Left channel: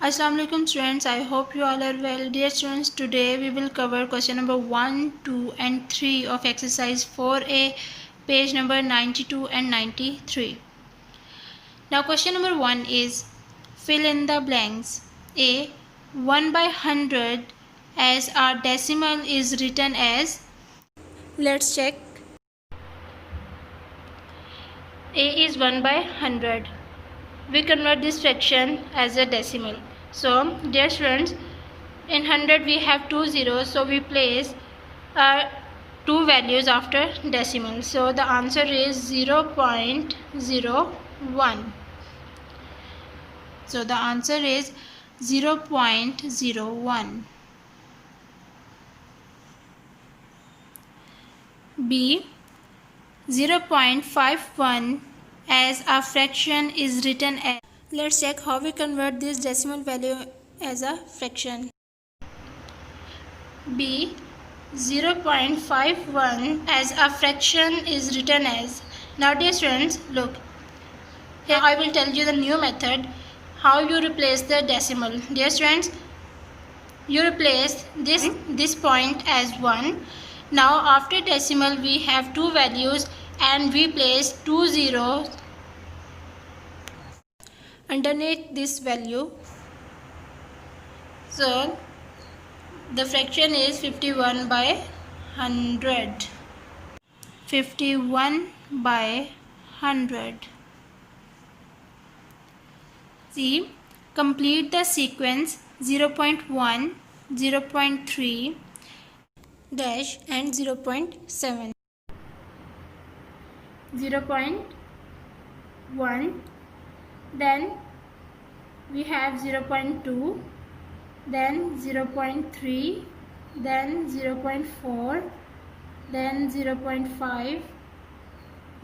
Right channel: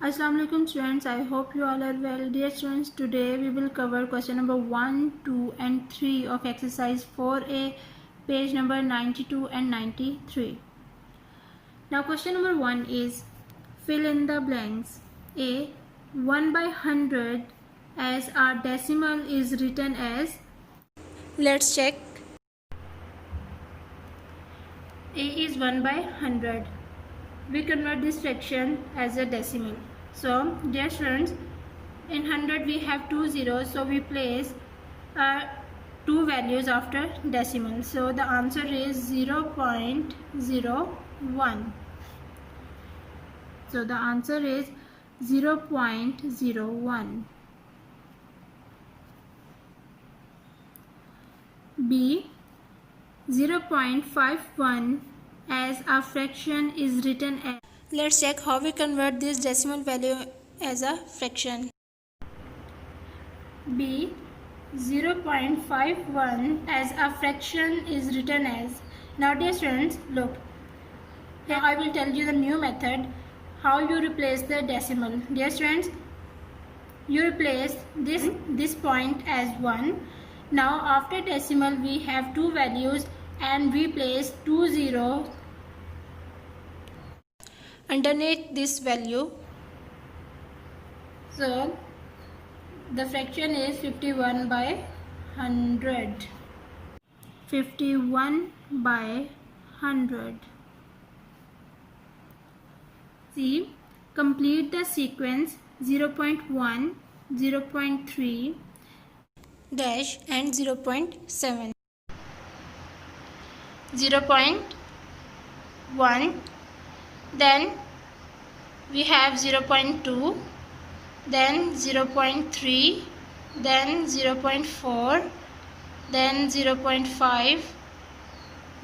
Assalamu alaikum students, I hope you all are well. Dear students, today we will cover question number 1, 2 and 3 of exercise 4A, page number 92 and 93. Now question number 1 is fill in the blanks. A. 1 by 100 as our decimal is written as. Let's check. A is 1 by 100. We convert this fraction as a decimal. So dear students, in 100 we have 2 zeros, so we place two values after decimal. So the answer is 0.01. So the answer is 0.01. B. 0.51 as a fraction is written as. Let's check how we convert this decimal value as a fraction. B. 0.51 as a fraction is written as. Now dear students, look, here I will tell you the new method how you replace the decimal. Dear students, you replace this point as 1. Now after decimal we have two values and we place 2 zeros underneath this value. So the fraction is 51 by 100. 51 by 100. See, complete the sequence 0.1, 0.3 dash and 0.7. 0.1, then we have 0.2, then 0.3, then 0.4, then 0.5,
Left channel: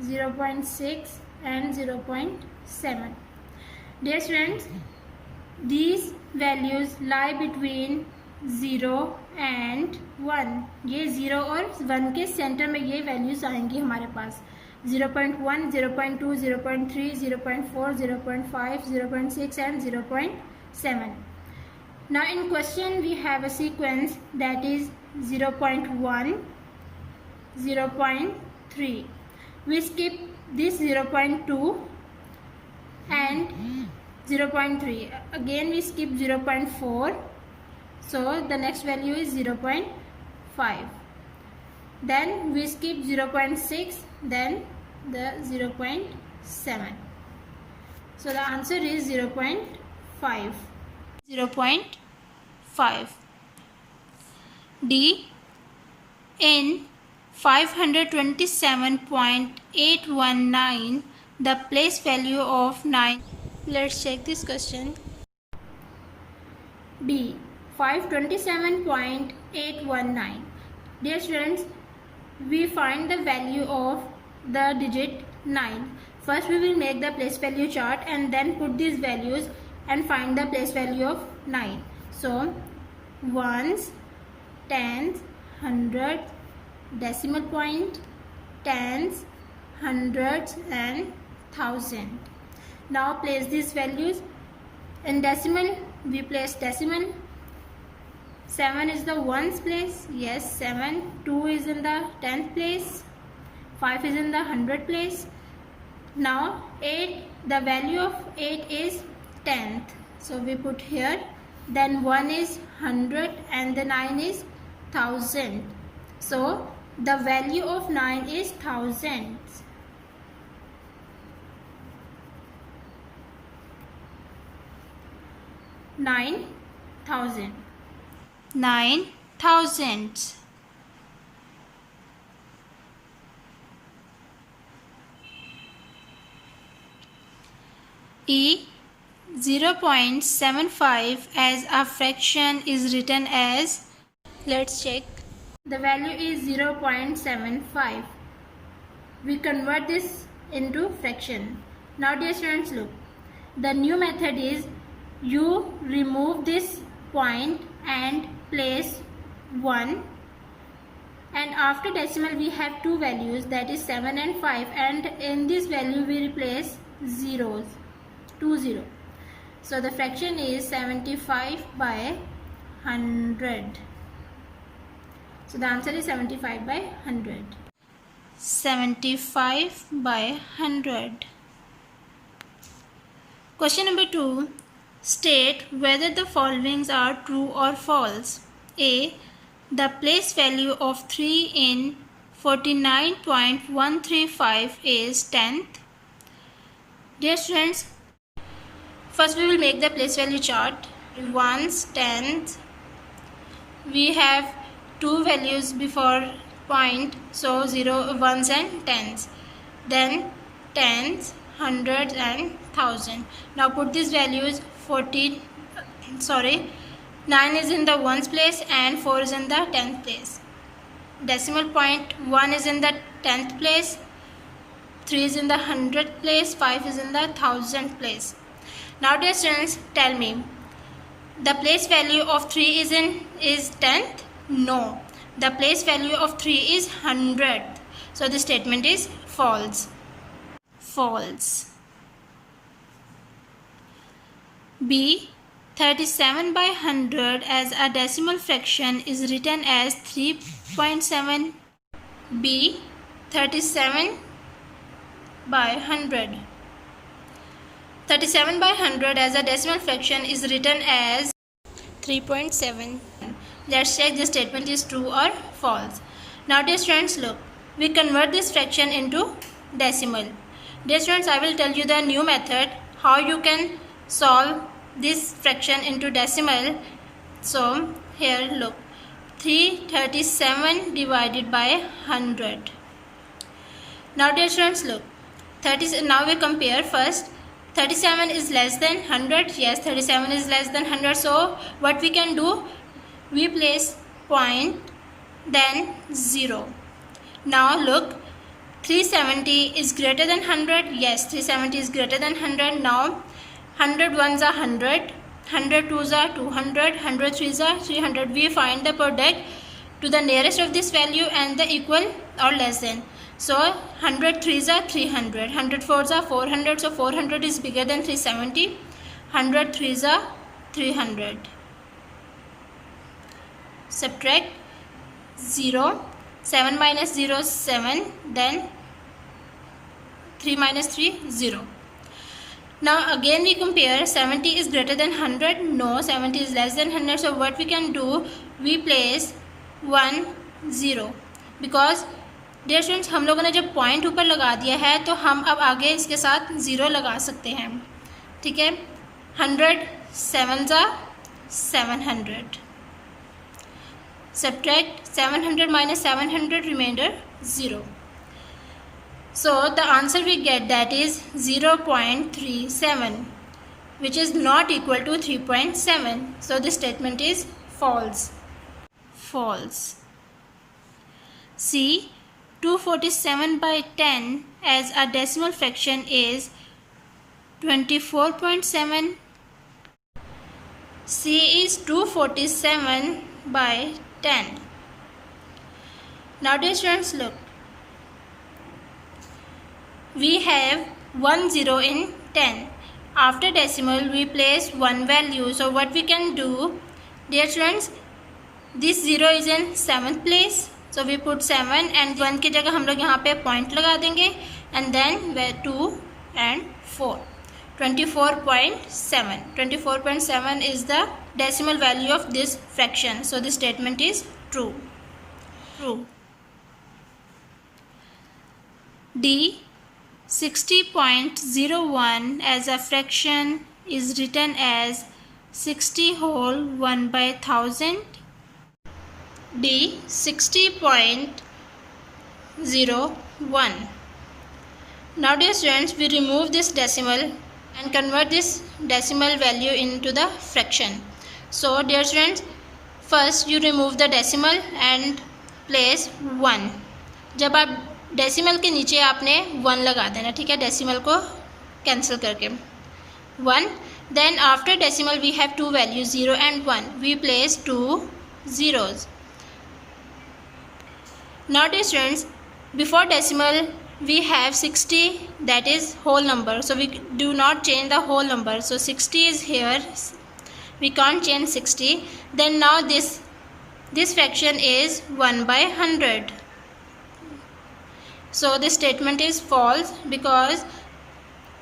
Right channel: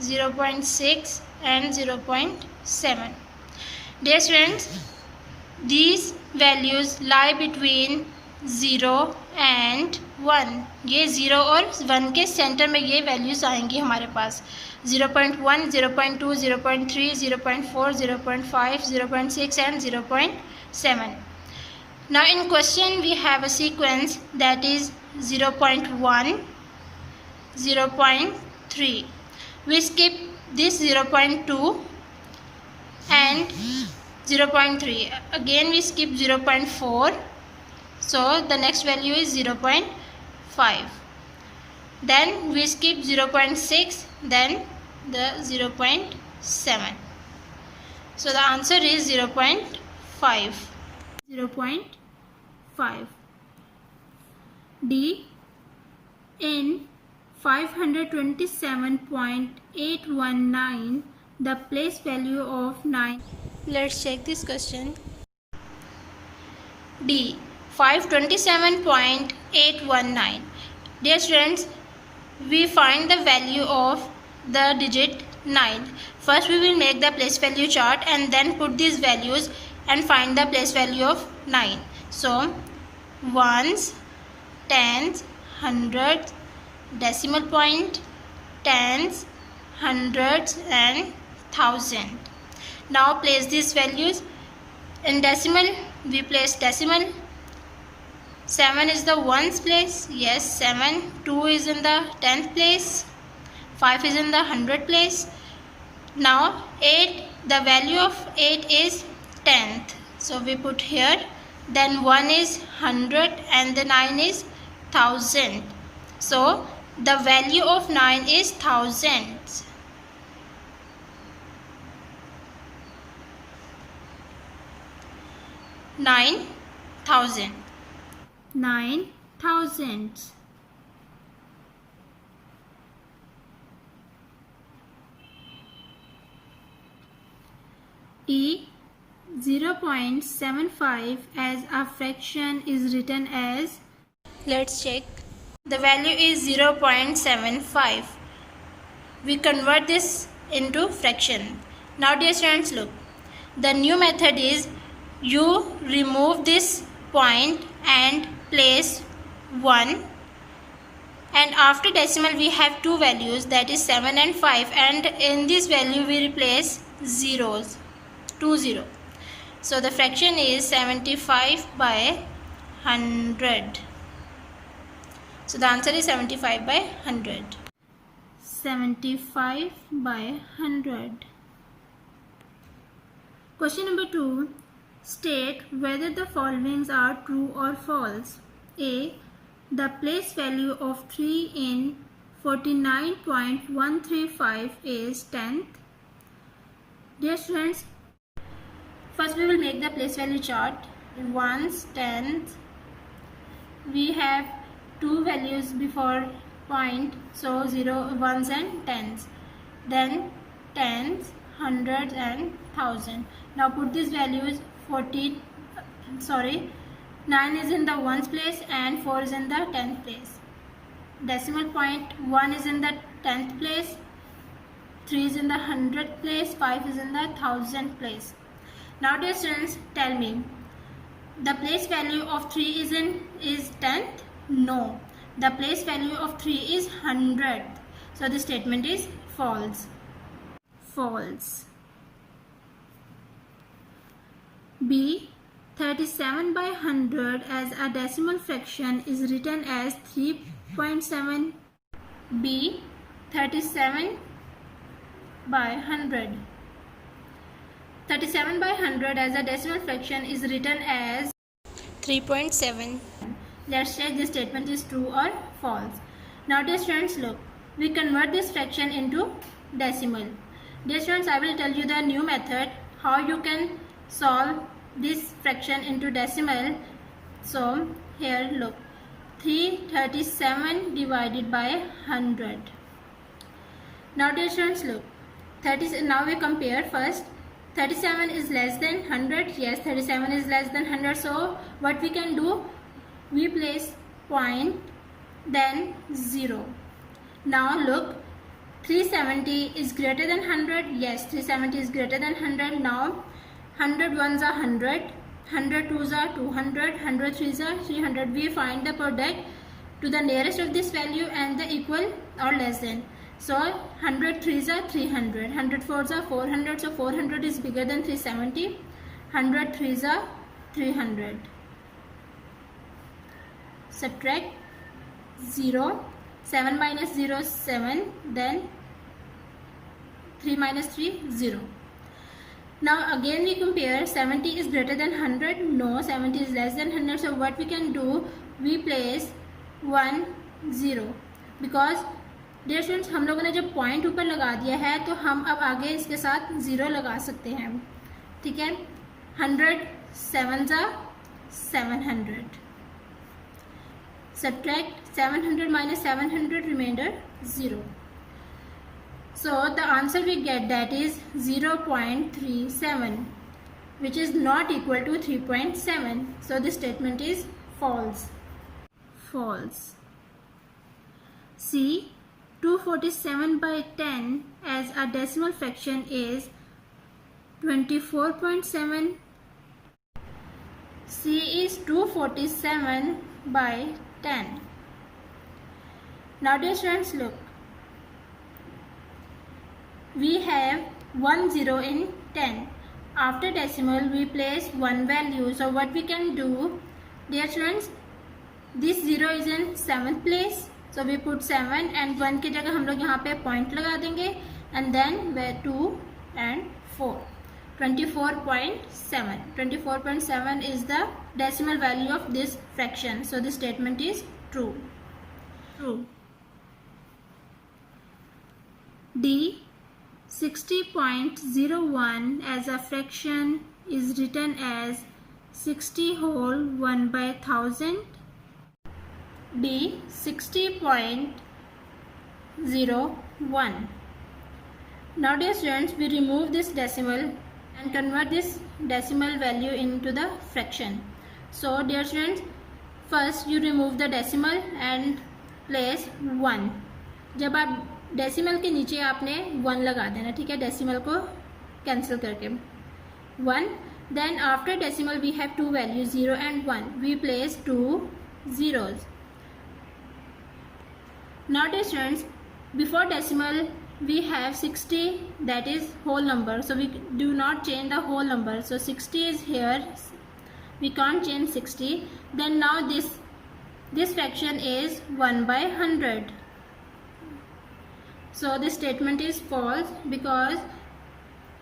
0.6 and 0.7. Dear students, these values lie between 0 and 1. ये 0 और 1 के centre में ये values आएंगी हमारे पास. 0.1, 0.2, 0.3, 0.4, 0.5, 0.6 and 0.7. Now in question we have a sequence that is 0.1, 0.3. We skip this 0.2 and 0.3. Again we skip 0.4. So the next value is 0.5. Then we skip 0.6, then the 0.7. So the answer is 0.5. 0.5. D. In 527.819, the place value of 9. Let's check this question. D. 527.819. Dear students, we find the value of the digit 9. First we will make the place value chart and then put these values and find the place value of 9. So ones, tens, hundreds, decimal point, tens, hundreds and thousand. Now place these values. In decimal we place decimal. 7 is the ones place. Yes, 7. 2 is in the 10th place. 5 is in the 100th place. Now 8, the value of 8 is 10th. So we put here. Then 1 is 100 and the 9 is 1000. So the value of 9 is thousands. Nine thousand. 9,000. E. 0.75 as a fraction is written as. Let's check. The value is 0.75. We convert this into fraction. Now dear students, look, the new method is you remove this point and place 1, and after decimal we have two values, that is 7 and 5, and in this value we replace zeros, 2 0. So the fraction is 75 by 100. So the answer is 75 by 100. 75 by 100. Question number 2. State whether the followings are true or false. A. The place value of 3 in 49.135 is 10th. Dear students, first we will make the place value chart. Ones, tenths. We have two values before point, so 0, ones and tens. Then tens, hundreds and thousand. Now put these values. 9 is in the ones place and 4 is in the 10th place. Decimal point 1 is in the 10th place, 3 is in the 100th place, 5 is in the 1000th place. Now dear students, tell me, the place value of 3 is 10th? No. The place value of 3 is 100th. So the statement is false. False. B. 37 by 100 as a decimal fraction is written as 3.7. B. 37 by 100. 37 by 100 as a decimal fraction is written as 3.7. Let's check this statement is true or false. Now dear students, look, we convert this fraction into decimal. Dear students, I will tell you the new method how you can solve this fraction into decimal. So here look, 337 divided by 100. Now dear students, look, now we compare first. 37 is less than 100. Yes, 37 is less than 100. So what we can do, we place point then 0. Now look, 370 is greater than 100. Yes, 370 is greater than 100. Now 100 ones are 100, 100 twos are 200, 100 threes are 300. We find the product to the nearest of this value and the equal or less than. So 100 threes are 300, 100 fours are 400. So 400 is bigger than 370. 100 threes are 300. Subtract 0. 7 minus 0 is 7. Then 3 minus 3 0. Now again we compare. 70 is greater than 100. No, 70 is less than 100. So what we can do, we place 1 0 because dear students, हम लोगों ने जब point ऊपर लगा दिया है तो हम अब आगे इसके साथ 0 लगा सकते हैं. ठीक है. 100 7s are 700. Subtract 700 minus 700, remainder 0. So the answer we get, that is 0.37, which is not equal to 3.7. So this statement is false. False. C. 247 by 10 as a decimal fraction is 24.7. C is 247 by 10. Now dear students, look, we have 1 0 in 10. After decimal we place one value. So what we can do, dear students, this 0 is in 7th place. So we put 7 and 1 की जगह हम लोग यहाँ पे point लगा देंगे and then 2 and 4. 24.7. 24.7 is the decimal value of this fraction. So this statement is true. True. D. 60.01 as a fraction is written as 60 whole 1 by 1000. D. 60.01. Now dear students, we remove this decimal and convert this decimal value into the fraction. So dear students, first you remove the decimal and place 1. जब आप decimal के नीचे आपने 1 लगा देना. ठीक है, decimal को कैंसिल करके 1. Then after decimal we have two values 0 and 1. We place 2 zeros. Now dear students, before decimal we have 60, that is whole number, so we do not change the whole number. So 60 is here, we can't change 60. Then now this fraction is 1 by 100. So this statement is false because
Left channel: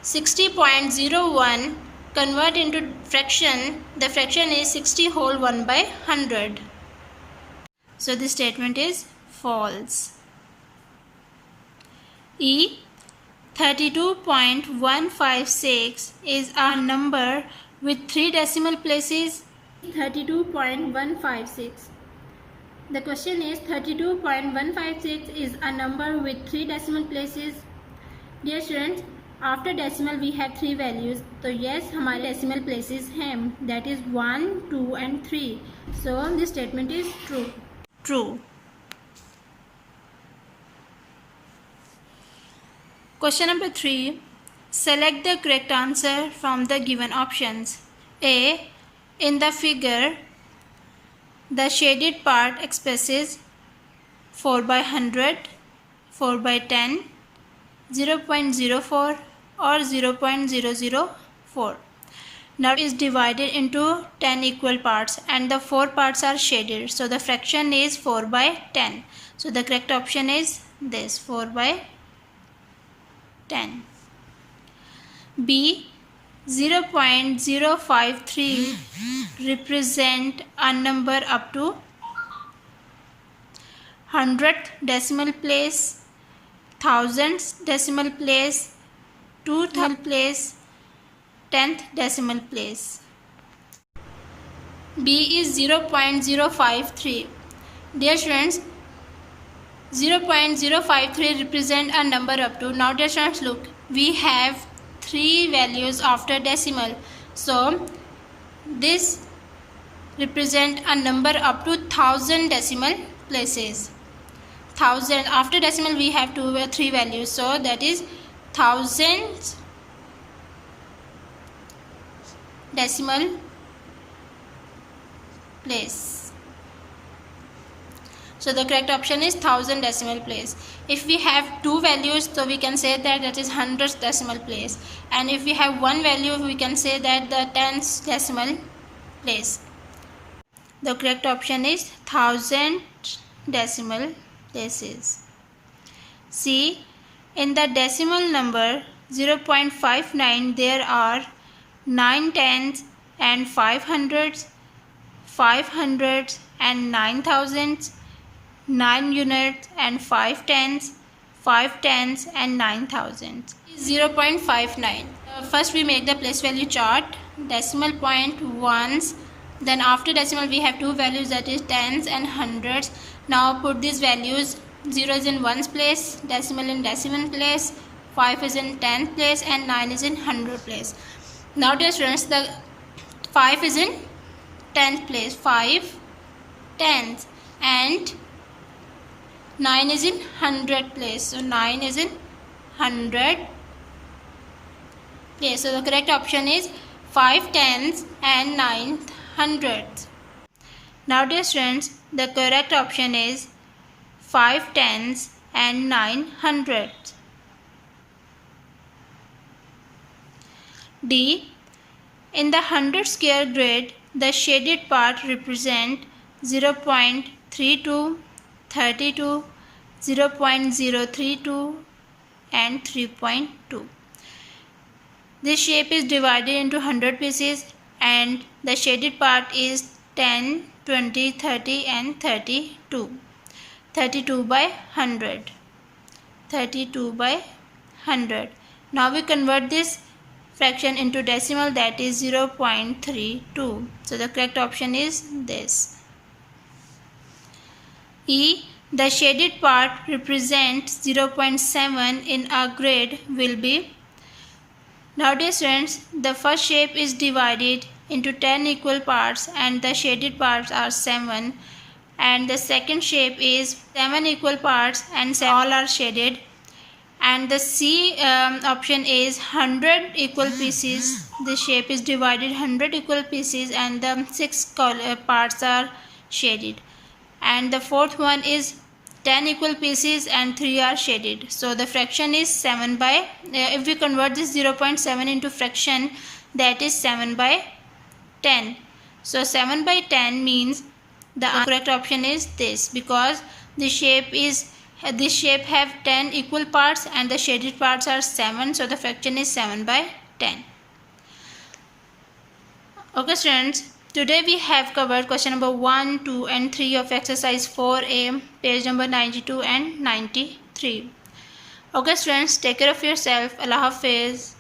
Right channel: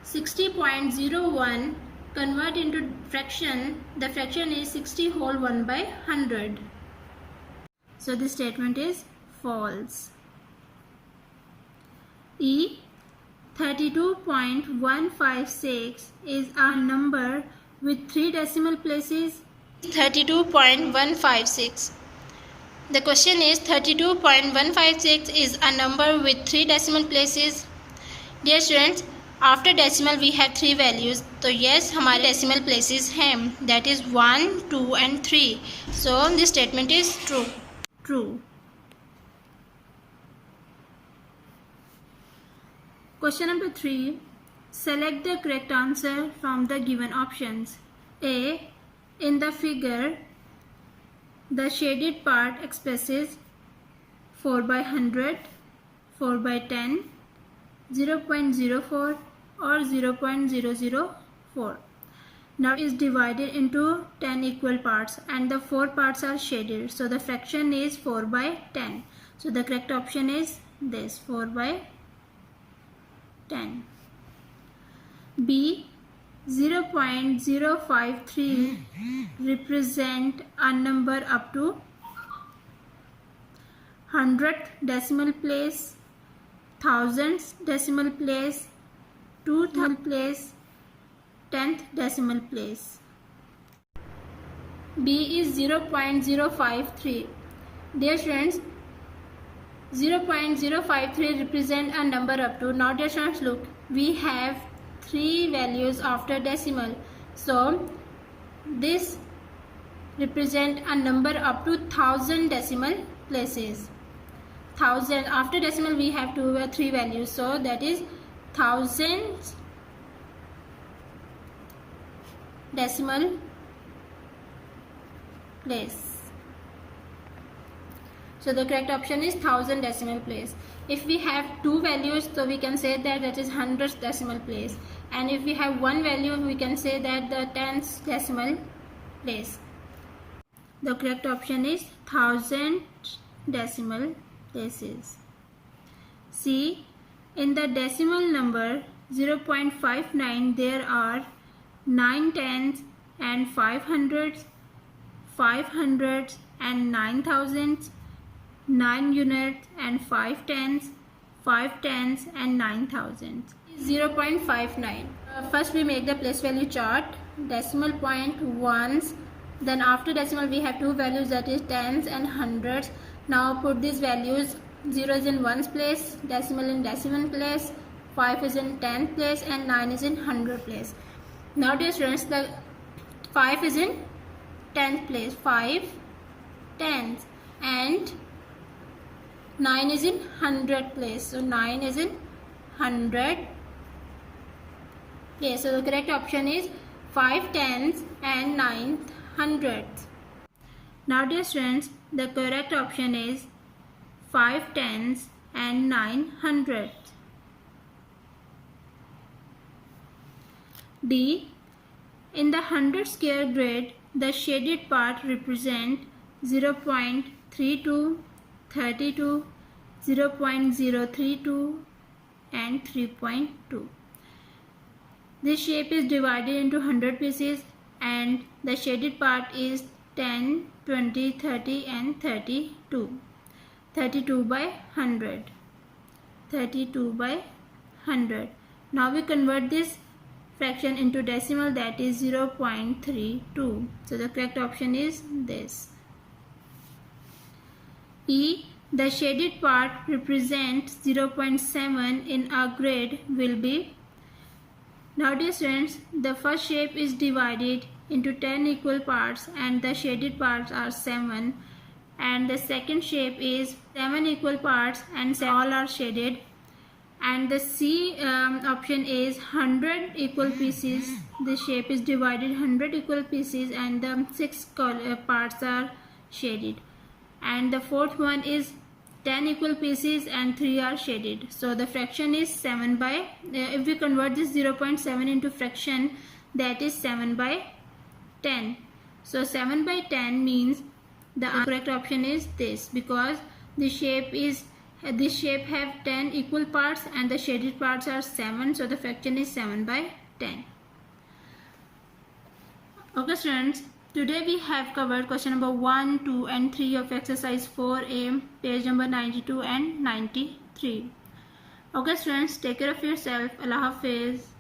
60.01 convert into fraction, the fraction is 60 whole 1 by 100. So this statement is false. E. 32.156 is a number with 3 decimal places. 32.156. The question is 32.156 is a number with 3 decimal places. Dear students, after decimal we have 3 values. So yes, हमारे decimal places हैं, that is 1, 2 and 3. So this statement is true. True. Question number 3. Select the correct answer from the given options. A. In the figure, the shaded part expresses 4 by 100, 4 by 10, 0.04 or 0.004. Now it is divided into 10 equal parts and the 4 parts are shaded. So the fraction is 4 by 10. So the correct option is this, 4 by 10. B. 0.053 represent a number up to 100th decimal place, 1000th decimal place, 2000th place, 10th decimal place. B is 0.053. Dear students, 0.053 represent a number up to. Now dear students, look, we have 3 values after decimal. So this represent a number up to 1000 decimal places. 1000 after decimal we have 3 values. So that is 1000 decimal place. So the correct option is 1000 decimal place. If we have 2 values, so we can say that is 100th decimal place. And if we have 1 value, we can say that the 10th decimal place. The correct option is 1000 decimal places. C. In the decimal number 0.59, there are 9 tens and 5 hundreds, 5 hundreds and 9 thousands, 9 units and 5 tens, 5 tens and 9 thousands. 0.59. First we make the place value chart, decimal point ones, then after decimal we have 2 values, that is tens and hundreds. Now put these values, 0 is in ones place, decimal in decimal place, 5 is in 10th place and 9 is in 100 place. Now dear students, the 5 is in 10th place, 5 tens, and 9 is in 100 place. So 9 is in 100 place. So the correct option is 5 tens and 9 hundreds. Now dear students, the correct option is 5 tens and 9 hundreds. D. In the 100 square grid, the shaded part represent 0.32, 32, 0.032 and 3.2. This shape is divided into 100 pieces and the shaded part is 10, 20, 30 and 32. 32 by 100. 32 by 100. Now we convert this fraction into decimal, that is 0.32. So the correct option is this. E. The shaded part represents 0.7 in a grid will be. Now dear students, the first shape is divided into 10 equal parts and the shaded parts are 7, and the second shape is 7 equal parts and all are shaded, and the C option is 100 equal pieces. The shape is divided 100 equal pieces and the 6 parts are shaded, and the fourth one is 10 equal pieces and 3 are shaded. So the fraction is 7 by, if we convert this 0.7 into fraction, that is 7 by 10. So 7 by 10 means the correct option is this, because this shape have 10 equal parts and the shaded parts are 7. So the fraction is 7 by 10. Okay students, today we have covered question number 1, 2 and 3 of exercise 4a, page number 92 and 93. Okay students, take care of yourself. Allah Hafiz.